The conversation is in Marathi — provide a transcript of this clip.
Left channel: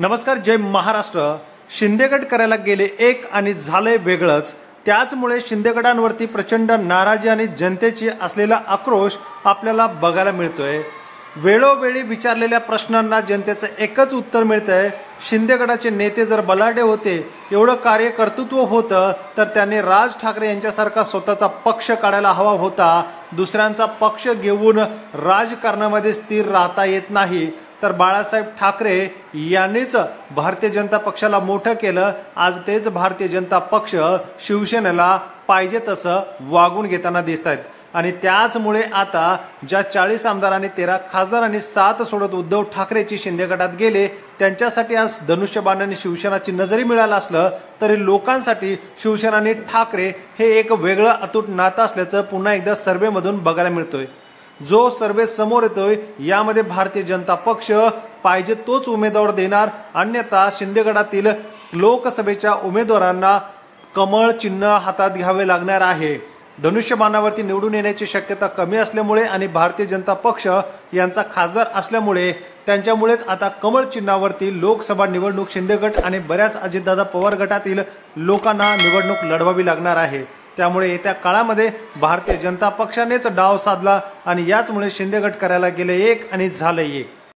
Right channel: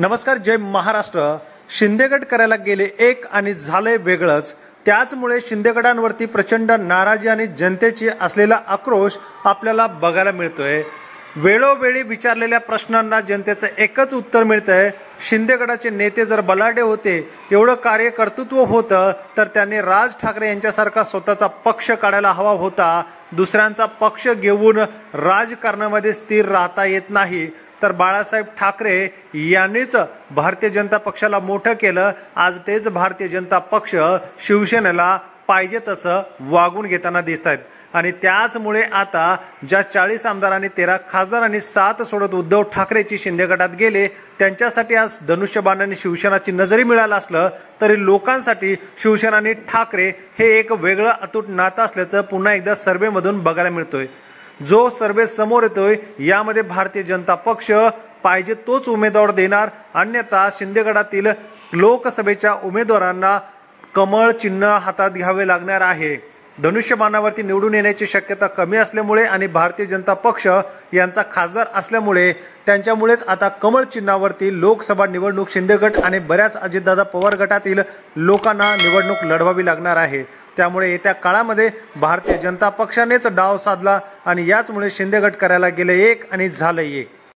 नमस्कार, जय महाराष्ट्र। शिंदेगड करायला गेले एक आणि झाले वेगळंच। त्याचमुळे शिंदेगडांवरती प्रचंड नाराजी आणि जनतेची असलेला आक्रोश आपल्याला बघायला मिळतोय। वेळोवेळी विचारलेल्या प्रश्नांना जनतेचं एकच उत्तर मिळतंय, शिंदेगडाचे नेते जर बलाढ्य होते, एवढं कार्यकर्तृत्व होतं, तर त्यांनी राज ठाकरे यांच्यासारखा स्वतःचा पक्ष काढायला हवा होता। दुसऱ्यांचा पक्ष घेऊन राजकारणामध्ये स्थिर राहता येत नाही। तर बाळासाहेब ठाकरे यांनीच भारतीय जनता पक्षाला मोठं केलं। आज तेच भारतीय जनता पक्ष शिवसेनेला पाहिजे तसं वागून घेताना दिसत आहेत। आणि त्याचमुळे आता ज्या 40 आमदार आणि 13 खासदार आणि 7 सोडत उद्धव ठाकरेची शिंदेगडात गेले, त्यांच्यासाठी आज धनुष्यबाण आणि शिवसेनाची नजरी मिळालं असलं तरी लोकांसाठी शिवसेना आणि ठाकरे हे एक वेगळं अतूट नातं असल्याचं पुन्हा एकदा सर्व्हेमधून बघायला मिळतोय। जो सर्वे समोर येतोय यामध्ये भारतीय जनता पक्ष पाहिजे तोच उमेदवार देणार, अन्यथा शिंदेगडातील लोकसभेच्या उमेदवारांना कमळ चिन्ह हातात घ्यावे लागणार आहे। धनुष्यबाणावरती निवडून येण्याची शक्यता कमी असल्यामुळे आणि भारतीय जनता पक्ष यांचा खासदार असल्यामुळे त्यांच्यामुळेच आता कमळ चिन्हावरती लोकसभा निवडणूक शिंदेगड आणि बऱ्याच अजितदादा पवार गटातील लोकांना निवडणूक लढवावी लागणार आहे। त्यामुळे येत्या काळामध्ये भारतीय जनता पक्षानेच डाव साधला आणि याचमुळे शिंदेगड करायला गेले एक आणि झाले एक।